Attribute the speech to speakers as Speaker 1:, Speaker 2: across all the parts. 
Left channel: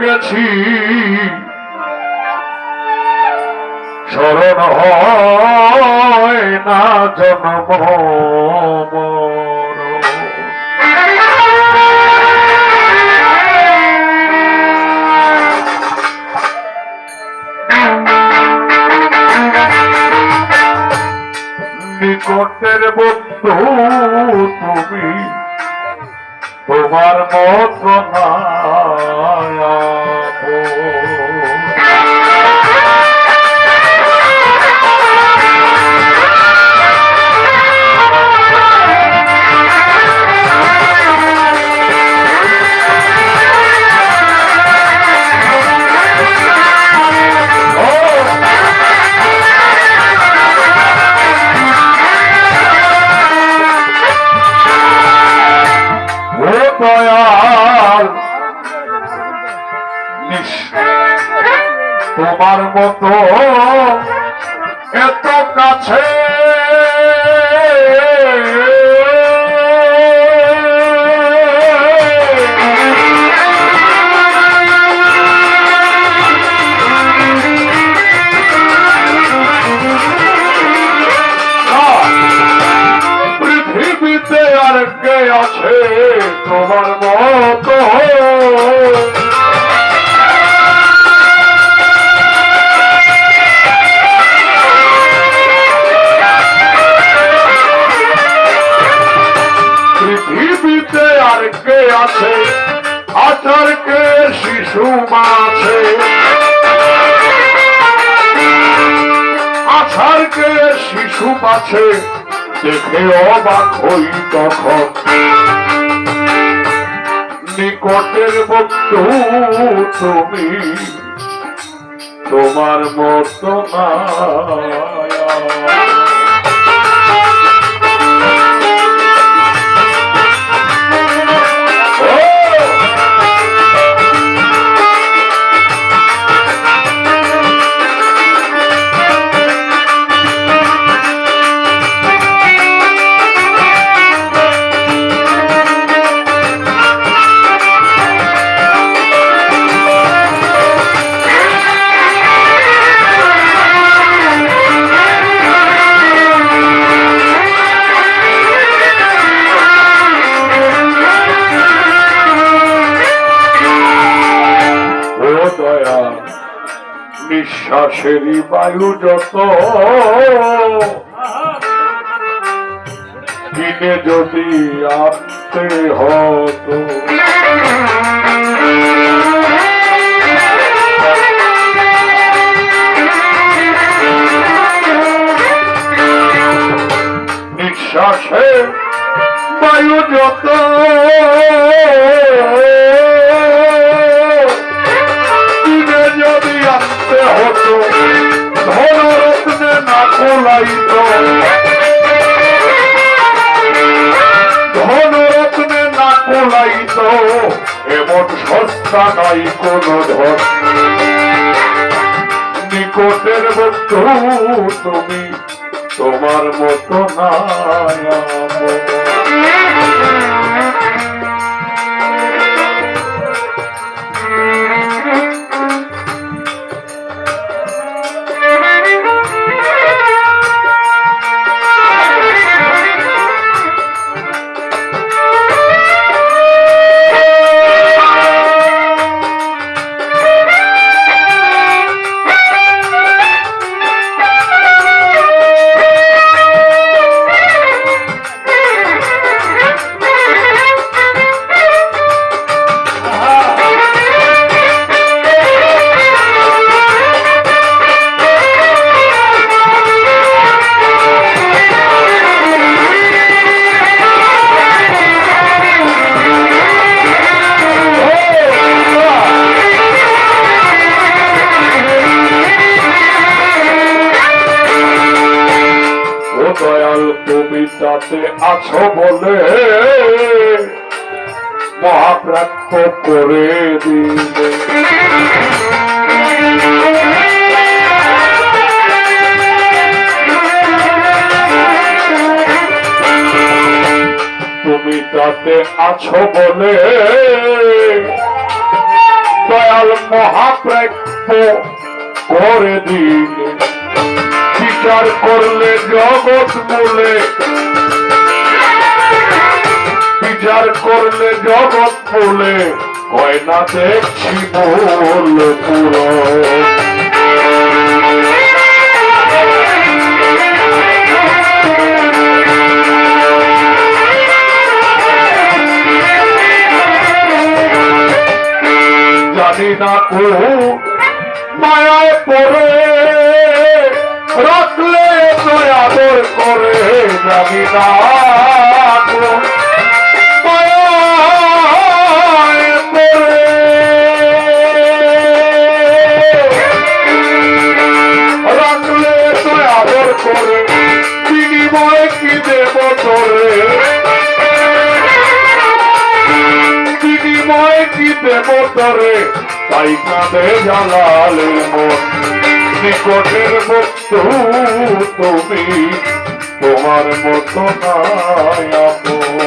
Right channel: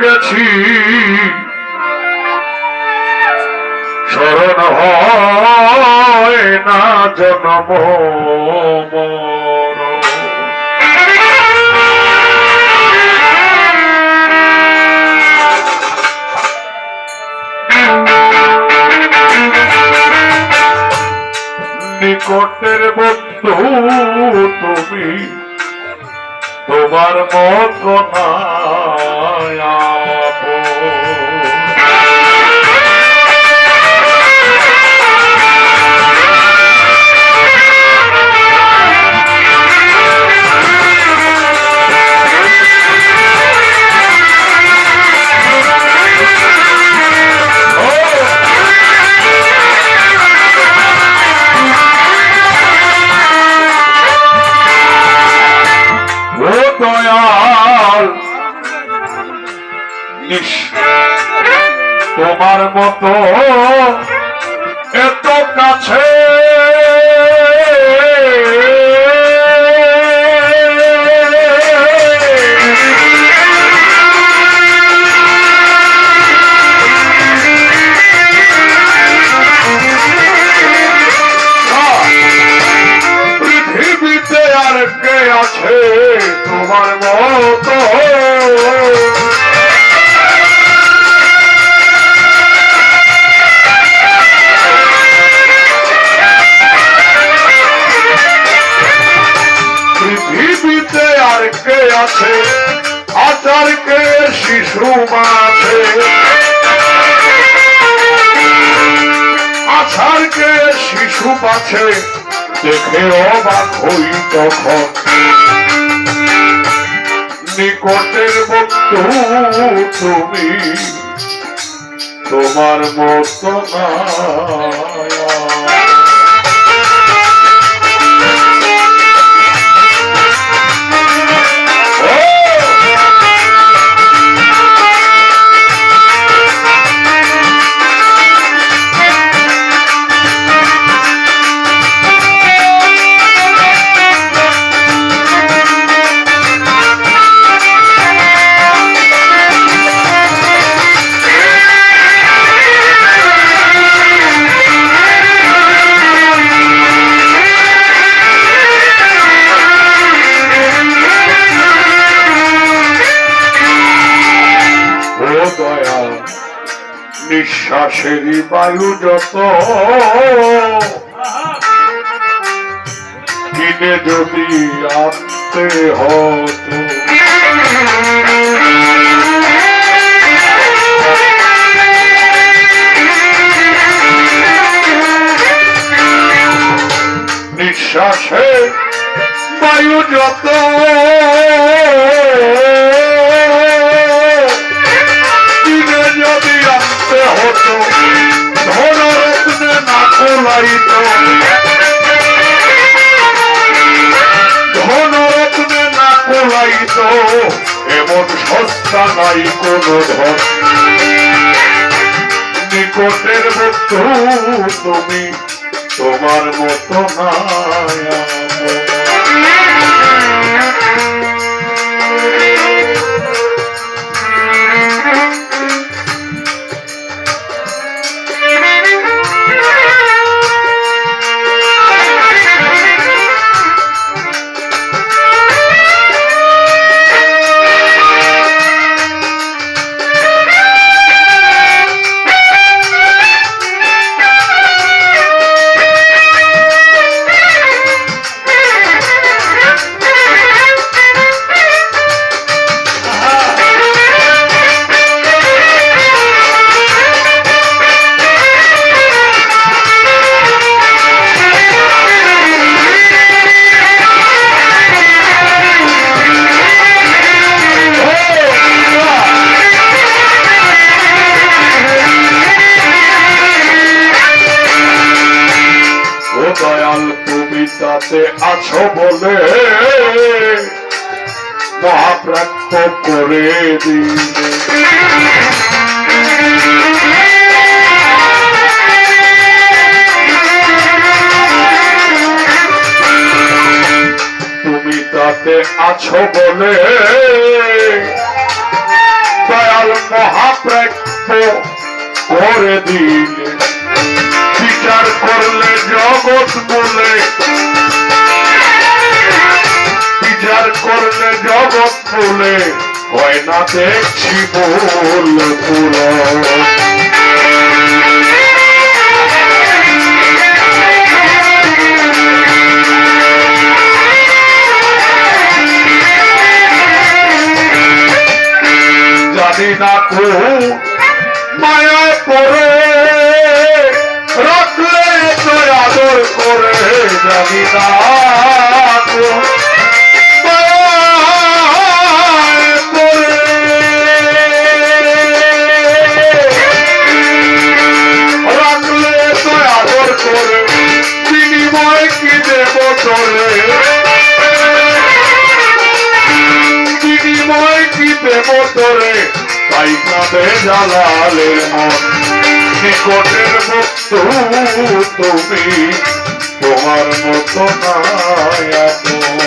Speaker 1: গেছি। স্মরণ হয় না জন্ম নিকটের বন্ধু তুমি তোমার মত নাই আপন। ইস, তোমার মতো এত কাছে। পৃথিবীতে আর কে আছে তোমার মতো পৃথিবীতে আর কে আছে? আচার কে শিশু মাছে আছার কে শিশু পাছে দেখে অবাক হই তখন। নিকটের বন্ধু তুমি, তোমার মতো মায়া। দয়া নিঃশ্বাসেরই বায়ু যত। কিনে যদি আনতে হতো নিঃশ্বাসে বায়ু যত। কোলাইত এমন সস্তা নাই কোন ধন। নিকটের বন্ধু তুমি তোমার মতো নাই তাতে আছো বলে মহাপ্রাপ্য করে দিলে। তুমি তাতে আছো বলে দয়াল মহাপ্রাপ্য করে দিলে। বিচার করলে জগৎ বলে বিচার করলে জগৎ বলে হয় না দেখছি বল জানি না কো মায়ায় পড়ে, রাখলে তো আদর করে, জানি না কি দেব তোরে তাই কাঁদে জালালে মন নিকটের বস্তু তুমি তোমার মতো নাই আপন।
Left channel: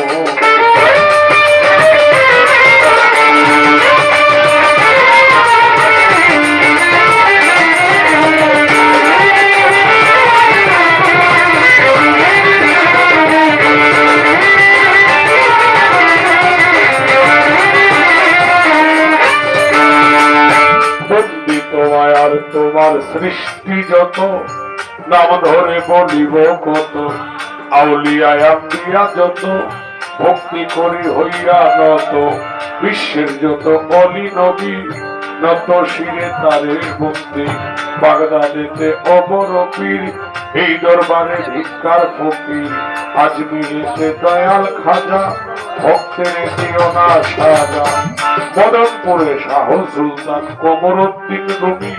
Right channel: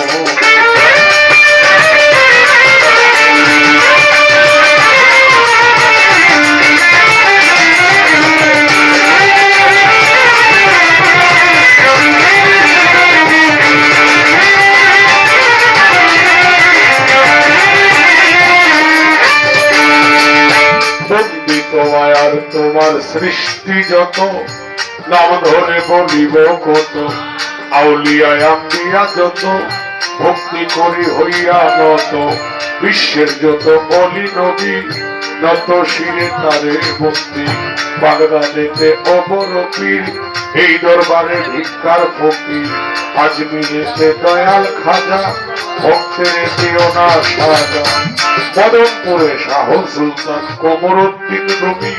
Speaker 1: আর তোমার সৃষ্টি যত, নাম ধরে বলিব কত আম্বিয়া যত, ভক্তি করি হইয়া নত, বিশ্বের যত বলি নদী নত শিরে তারে ভক্তি বাগদাদেতে অবর পীর, এই দরবারে ভিক্ষার ফকির। আজ মিলেছে দয়াল খাজা, ভক্তের না সাজা মদনপুরে শাহ সুলতান কোমরুদ্দিন রবি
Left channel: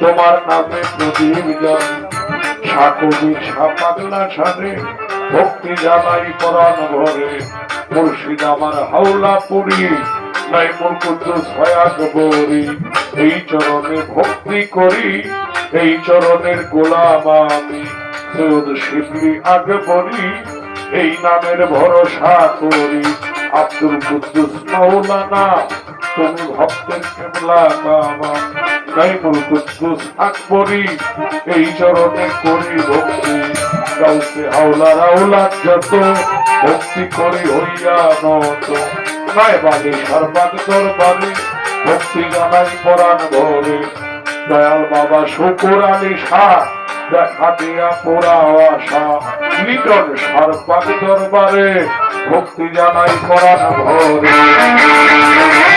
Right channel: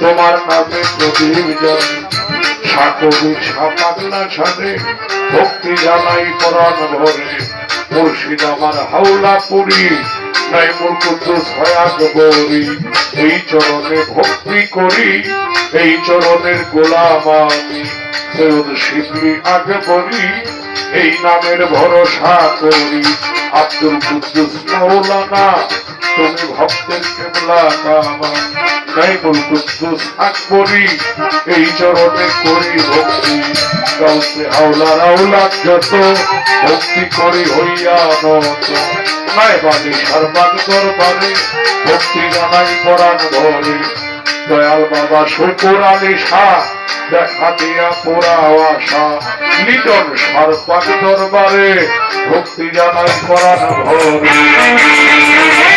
Speaker 1: তোমার নামে প্রদীপ জানি সাকবি সাপাগলা ছাড়ে ভক্তি জানাই পরাণ ভরে। মুর্শিদ আমার হাওলা পুরী। নাই মোর কুদ্দুস ছয়াক বৌরি এই চরণে ভক্তি করি, এই চরণের গোলাম আমি। সৈয়দ শিবলি আগে বলি, এই নামের ভরসা করি। আব্দুল কুদ্দুস মৌলানা তুমি ভক্তের কেবলা কামা নাইমুল কুদ্দুস আকবরি, এই চরণে করি ভক্তি। কাউসে হাওলা রাউলা যত, ভক্তি করি হইয়া নত। নাই বাজে সর্বাগ দরবারে, ভক্তি জানাই পরাণ ধরে দয়াল বাবা শুকুর আলী শাহ, দেখা দিয়া পোড়া আশা। লিটন সর্বাগ দরবারে, ভক্তি জানাই পরাণ ভরে।